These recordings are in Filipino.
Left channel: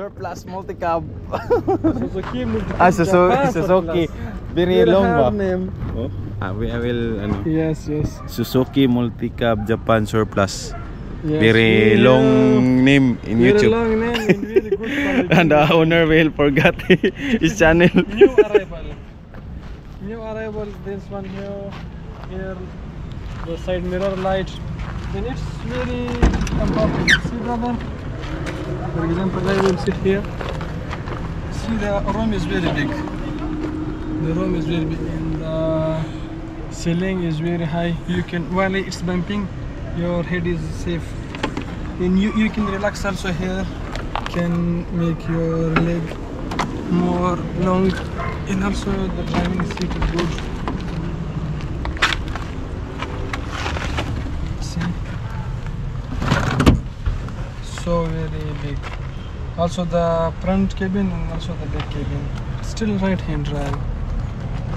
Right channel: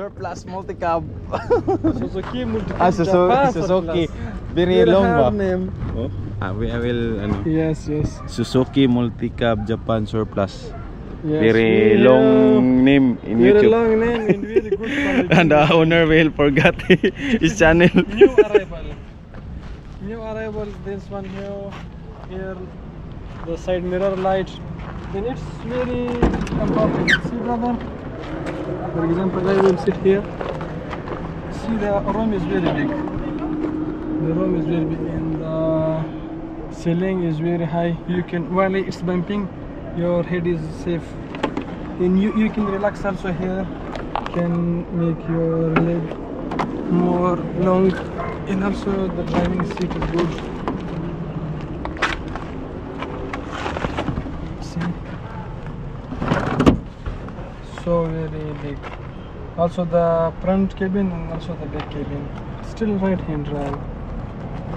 surplus multi-cab. Suzuki multi-cab. Suzuki. Very long ba? Name. Oh, I will ano. Yes. Suzuki multi-cab Japan surplus. Yes, very long name in very YouTube. Long name and very good quality. And the owner will forget his channel. New arrival. This one here the side mirror light. Then it's very comfortable. See, brother. For example, I will sit here. See, the room is very big. The room is very big and the ceiling is very high. You can, while it's bumping, your head is safe. And you can relax also here. Can make your leg more long. And also the driving seat is good. See? So very big. Also the front cabin and also the back cabin. Still right hand drive.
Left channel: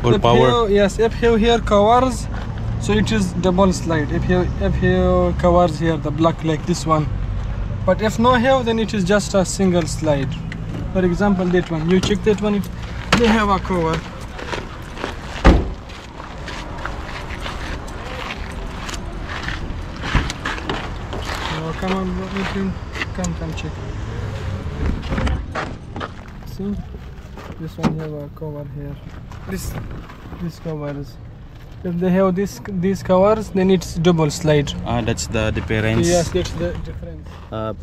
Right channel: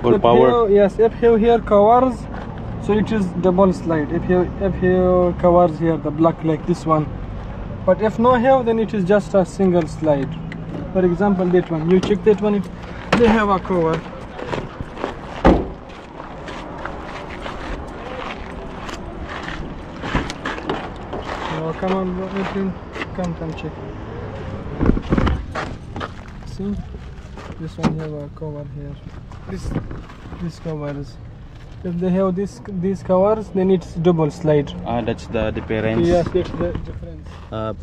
Full power. Yes, if you here covers, so it is double slide. If you covers here the block like this one, but if no have, then it is just a single slide. For example, that one. You check that one. If they have a cover. Oh, come on, bro. Come check. See, this one have a cover here. This covers. If they have these covers, then it's double slide. That's the difference. Yes, that's the difference.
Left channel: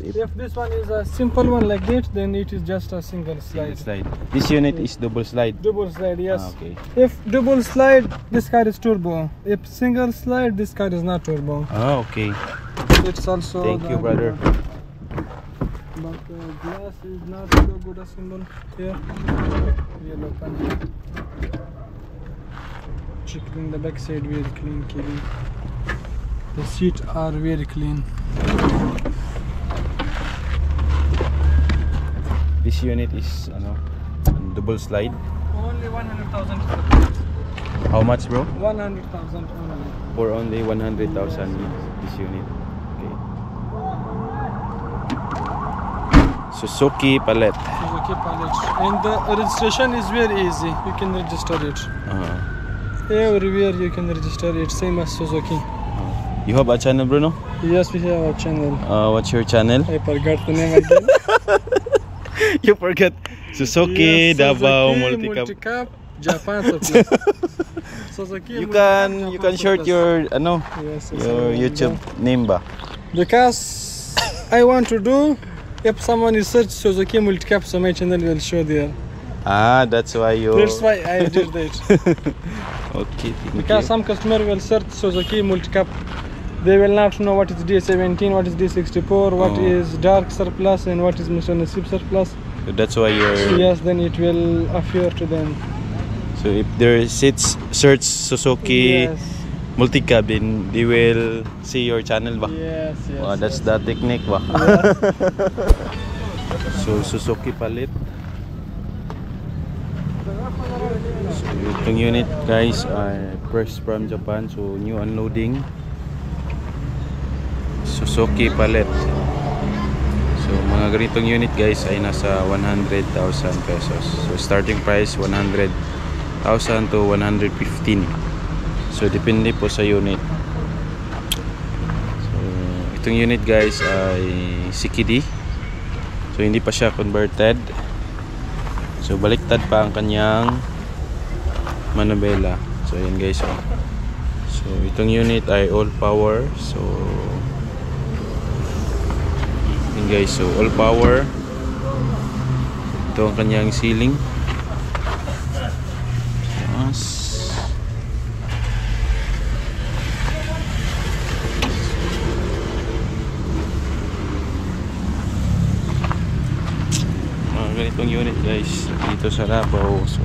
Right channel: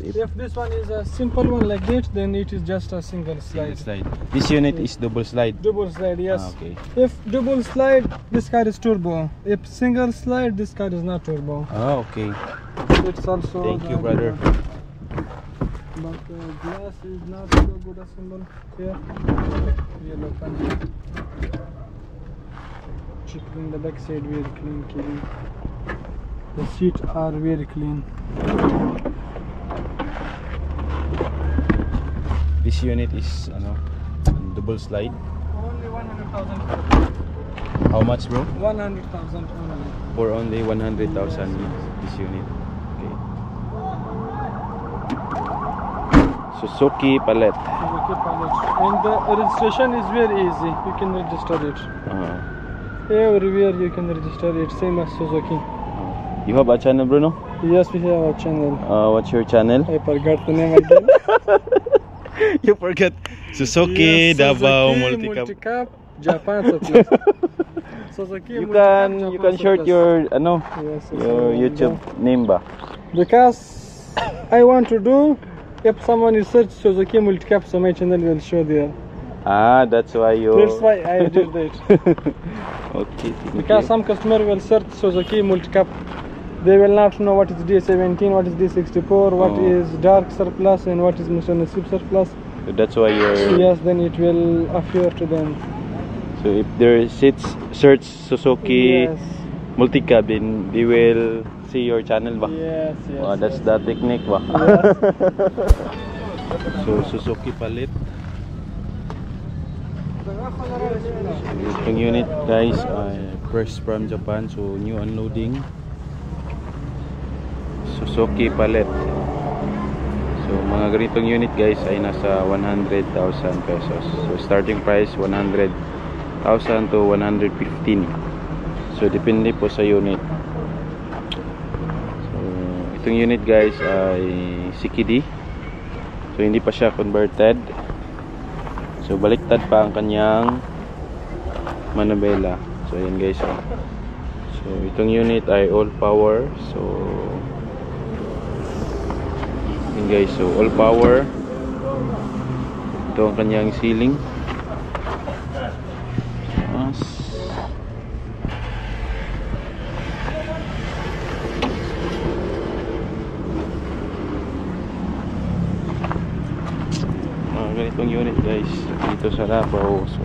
If this one is a simple one like that, then it is just a single slide. This unit is double slide. Double slide, yes. Okay. If double slide, this car is turbo. If single slide, this car is not turbo. Okay. It's also. Thank you, brother. But glass is not so good a symbol here. Yellow panel. Checking the back side, very clean cabin. The seats are very clean. This unit is double slide. Only 100,000. How much, bro? 100,000 only. For only 100,000 this unit. Okay. Suzuki palette. Suzuki palette. And the registration is very easy. You can register it. Everywhere you can register it, same as Suzuki. You have a channel, Bruno? Yes, we have a channel. What's your channel? I forgot the name again. You forget Suzuki, yes, Davao Suzuki multi-cab Japan surplus. Suzuki you can short your your YouTube name ba? Because I want to do, if someone is search Suzuki multi-cab, so my channel will show there. That's why you. That's why I did that. Okay. Because some customer will search Suzuki multi-cab, they will not know what is D17, what is D64, what is dark surplus, and what is Mr. Nasib surplus. So that's why you're. Yes, then it will appear to them. So if there sits search Suzuki multi-cab, then they will see your channel ba? Yes. That's the technique ba? So Suzuki palette. So itong unit guys ay fresh from Japan, so new unloading. Suzuki palette. So mga ganitong unit guys ay nasa 100,000 pesos. So starting price 100,000 to 115. So depende po sa unit. So itong unit guys ay CKD. So hindi pa siya converted. So baliktad pa ang kanyang manubela. So yun guys. So itong unit ay all power. So yun guys, so all power. Ito ang kanyang ceiling. Ganitong unit guys dito sa Davao. So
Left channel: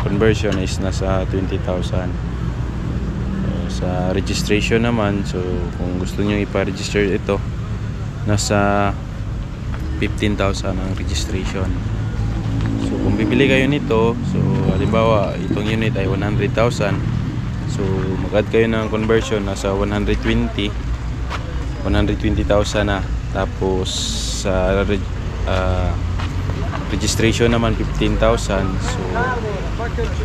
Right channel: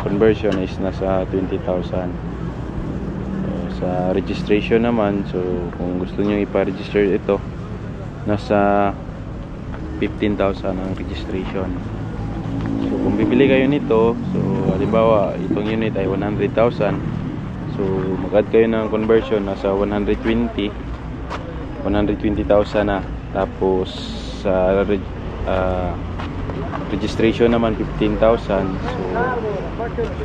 conversion is nasa 20,000. Sa registration naman, so kung gusto niyo ipa-register ito, nasa 15,000 ang registration. So kung bibili kayo nito, so halimbawa itong unit ay 100,000, so mag-add kayo ng conversion, nasa 120,000 na. Tapos sa registration naman 15,000. So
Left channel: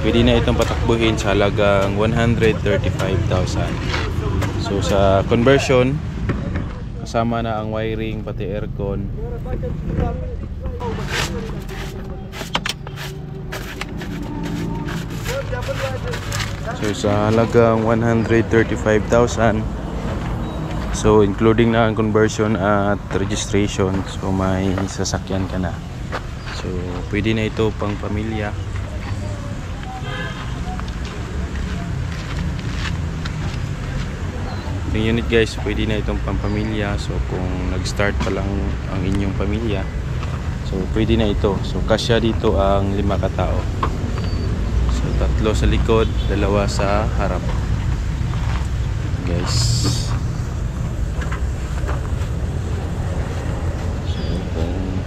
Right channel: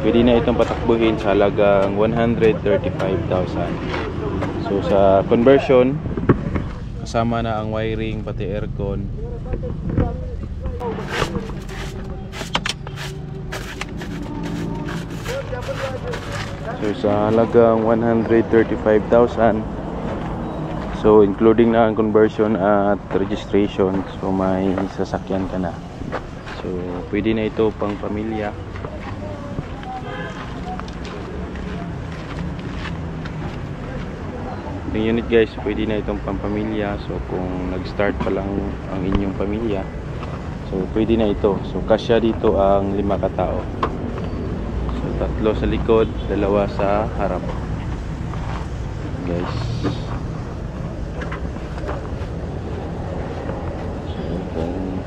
pwede na itong patakbuhin sa halagang 135,000. So sa conversion, kasama na ang wiring pati aircon. So sa halagang 135,000. So including na ang conversion at registration, so may sasakyan ka na. So pwede na ito pang pamilya. Yung unit guys, pwede na itong pang pamilya. So kung nag-start pa lang ang inyong pamilya, so pwede na ito. So kasya dito ang 5 katao. So 3 sa likod, 2 sa harap guys.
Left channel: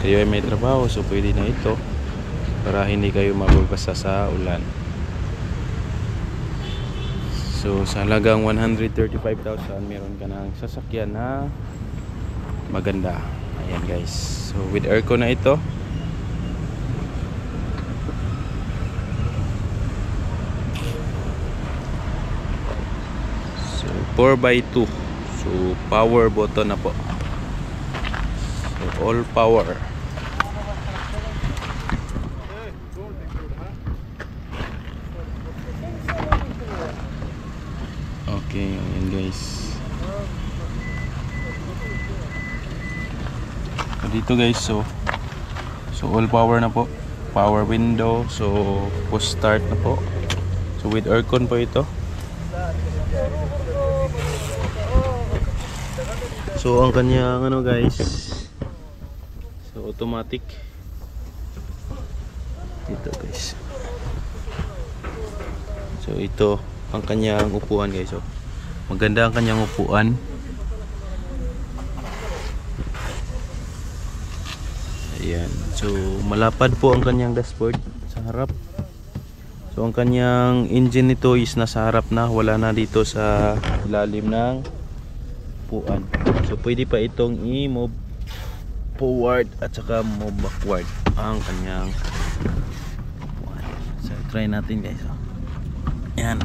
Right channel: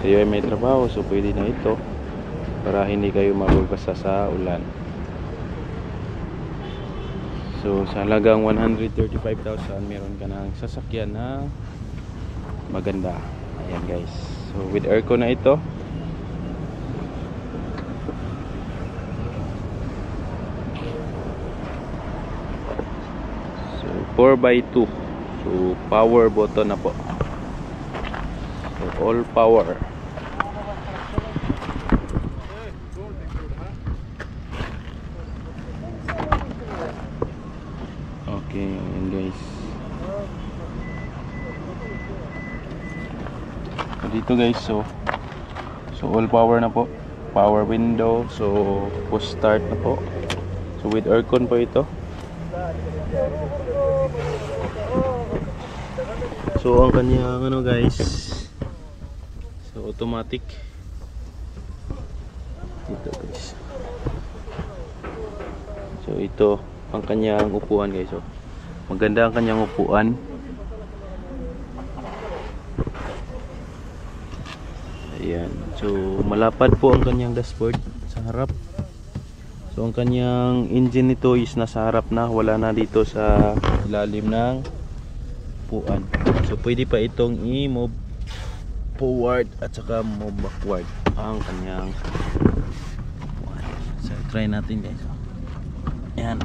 Kayo ay may trabaho, so pwede na ito para hindi kayo mababasa sa ulan. So sa halagang 135,000, meron ka ng sasakyan na maganda. Ayan guys, so with aircon na ito. So 4x2, so power button na po. So all power. Okay, ayan guys. So dito guys, so all power na po. Power window, so push start na po. So with aircon po ito. So ang kanyang ano guys, so automatic. Ito guys. So ito ang kanyang upuan guys. So maganda ang kanyang upuan. Ayan. So malapad po ang kanyang dashboard sa harap. So ang kanyang engine nito is nasa harap na, wala na dito sa ilalim ng upuan. So pwede pa itong i-move forward at saka move backward ang kanyang upuan. So try natin guys. Ayan.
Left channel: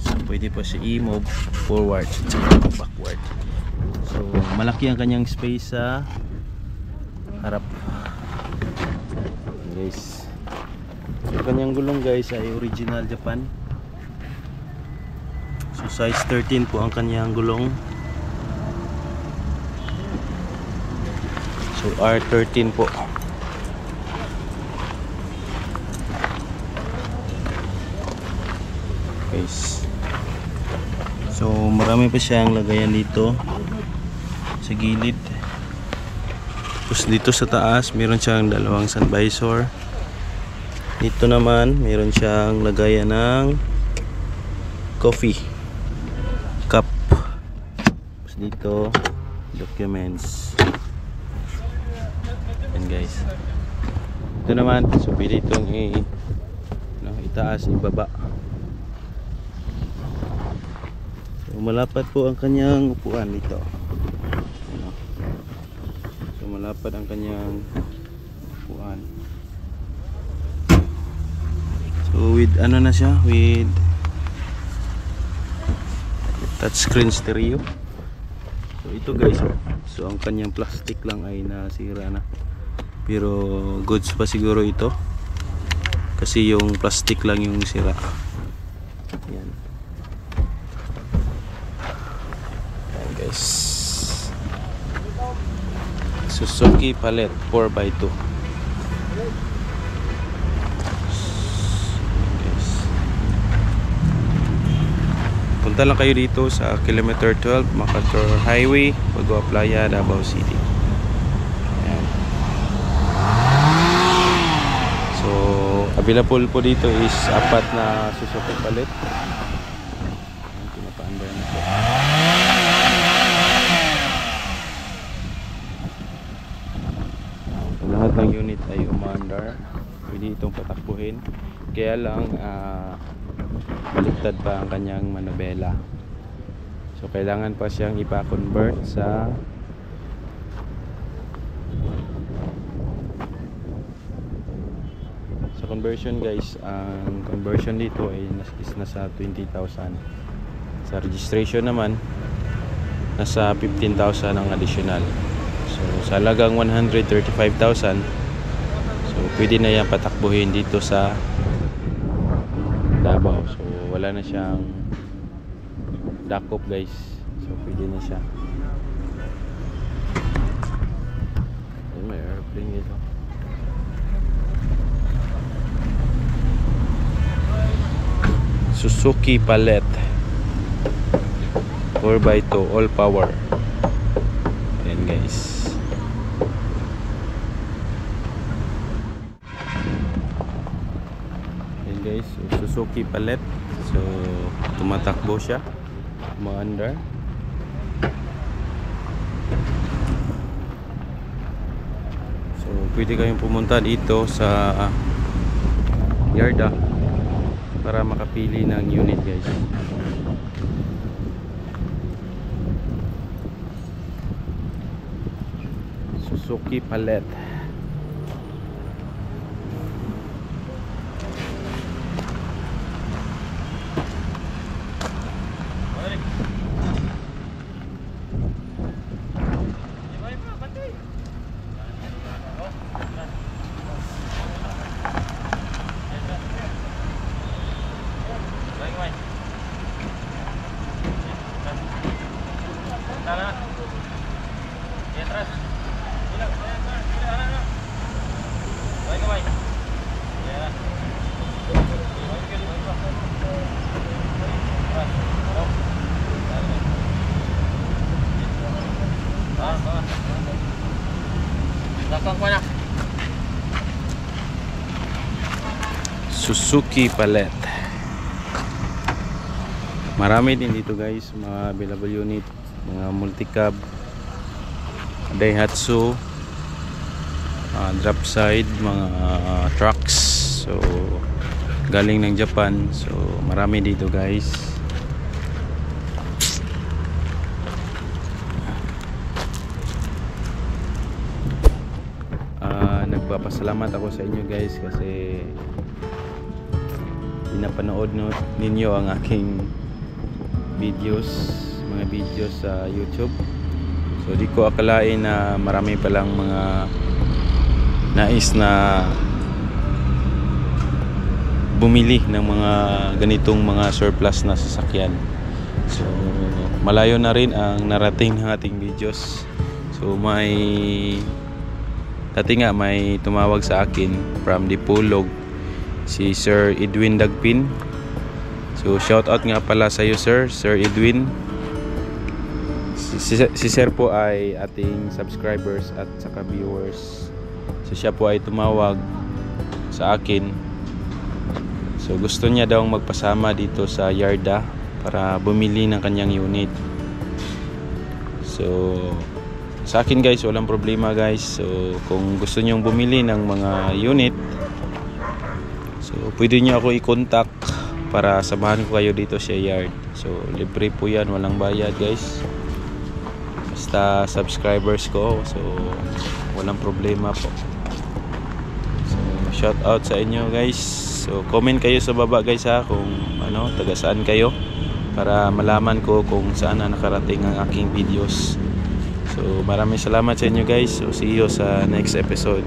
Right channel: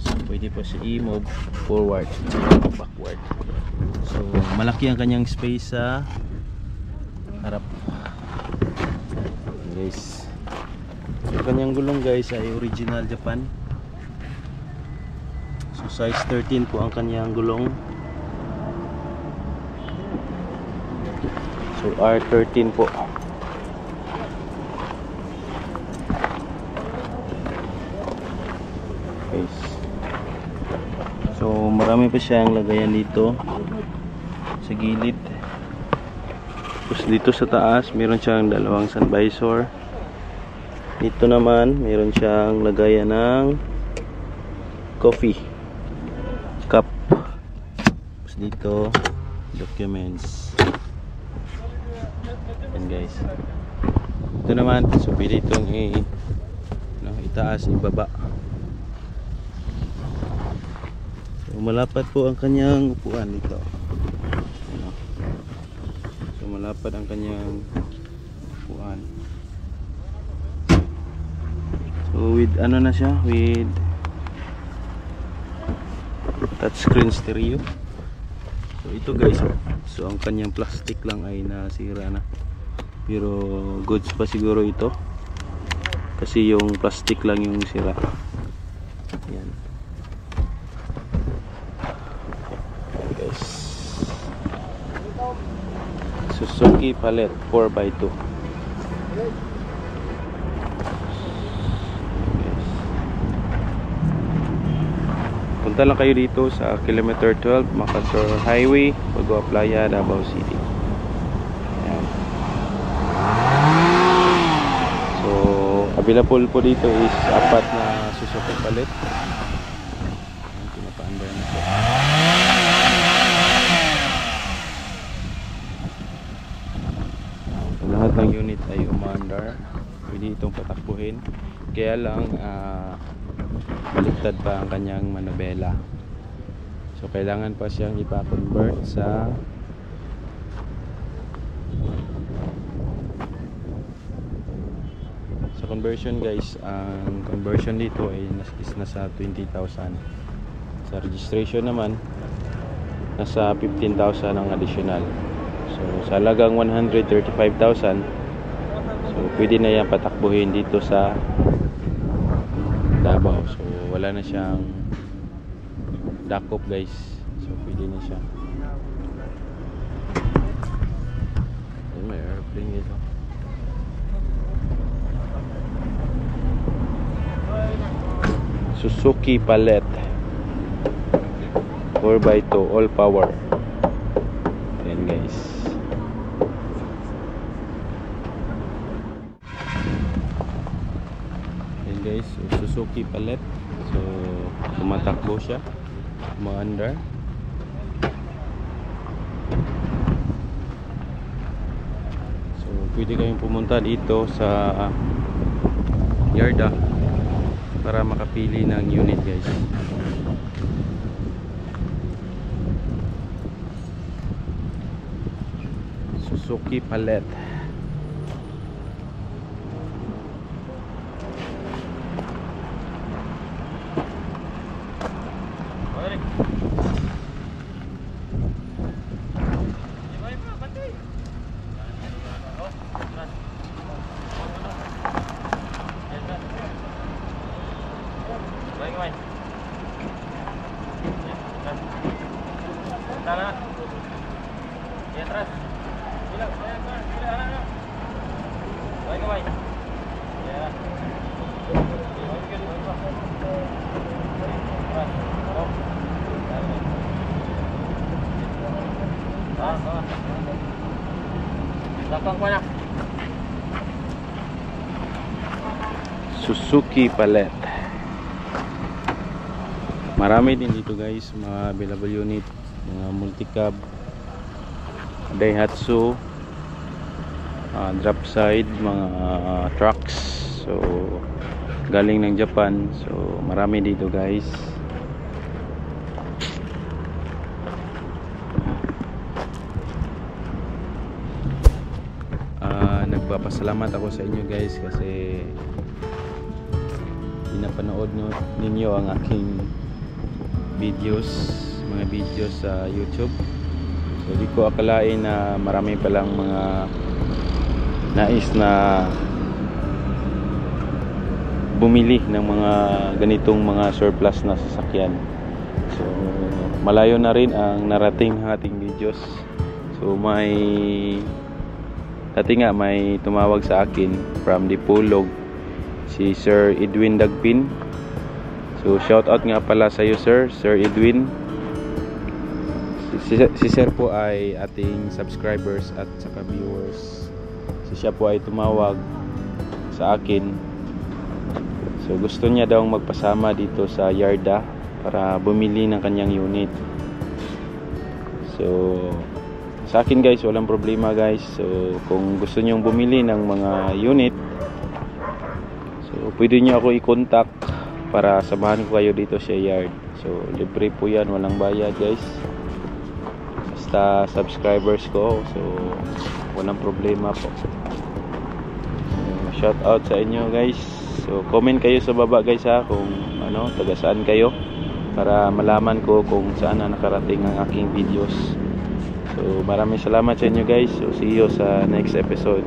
So pwede pa siya i-move forward at backward. So malaki ang kanyang space sa harap guys. So kanyang gulong guys ay original Japan. So size 13 po ang kanyang gulong. So R13 po. Guys. So marami pa siyang lagayan dito sa gilid. Tapos dito sa taas meron siyang 2 sun visor. Dito naman meron siyang lagayan ng coffee cup. Tapos dito documents. Yan guys. Ito naman, so pwede itong itaas, ibaba. So malapad po ang kanyang upuan dito. So malapad ang kanyang upuan. So with ano na siya, with touchscreen stereo. So ito guys, so ang kanyang plastic lang ay nasira na. Pero goods pa siguro ito. Kasi yung plastic lang yung sira. Yan. Guys. Suzuki Palette 4x2. Punta lang kayo dito sa kilometer 12 MacArthur Highway, Bagua Playa, Davao City. Ayan. So available po dito is 4 na Suzuki Palette. Ayan, pinapa-under na po. So lahat ng unit ay umandar. Pwede itong patakbuhin. Kaya lang baliktad pa ang kanyang manubela. So kailangan pa siyang ipa-convert sa Sa conversion guys, ang conversion dito ay is nasa 20,000. Sa registration naman, nasa 15,000 ang additional. So sa halagang 135,000, so pwede na yan patakbuhin dito sa Davao. So wala na siyang dakop guys. So pwede na siya. Ayun, may airplane dito. Suzuki Palette 4x2 all power. Ayan guys. Ayan guys, so, Suzuki Palette. So tumatakbo siya, umaandar. So pwede kayong pumunta dito sa Yarda para makapili ng unit guys. Suzuki Palette. Suzuki Palette. Marami din dito guys, mga available unit, mga multi-cab, Daihatsu, drop side, mga trucks. So galing ng Japan. So marami dito guys. Nagpapasalamat ako sa inyo guys kasi pinapanood ninyo ang aking mga videos sa YouTube. So di ko akalain na marami palang mga nais na bumili ng mga ganitong mga surplus na sasakyan. So malayo na rin ang narating ng ating videos. So dati nga may tumawag sa akin from Dipolog, si Sir Edwin Dagpin. So shout out nga pala sa iyo Sir Edwin. Si Sir po ay ating subscribers at saka viewers. So siya po ay tumawag sa akin. So gusto niya daw magpasama dito sa Yarda para bumili ng kanyang unit. So sa akin guys, walang problema guys. So kung gusto nyong bumili ng mga unit, so pwede nyo ako i-contact para samahan ko kayo dito sa yard. So libre po yan, walang bayad guys, basta subscribers ko. So walang problema po. So shout out sa inyo guys. So comment kayo sa baba guys ha, kung taga saan kayo, para malaman ko kung saan na nakarating ang aking videos. So maraming salamat sa inyo guys. So see you sa next episode.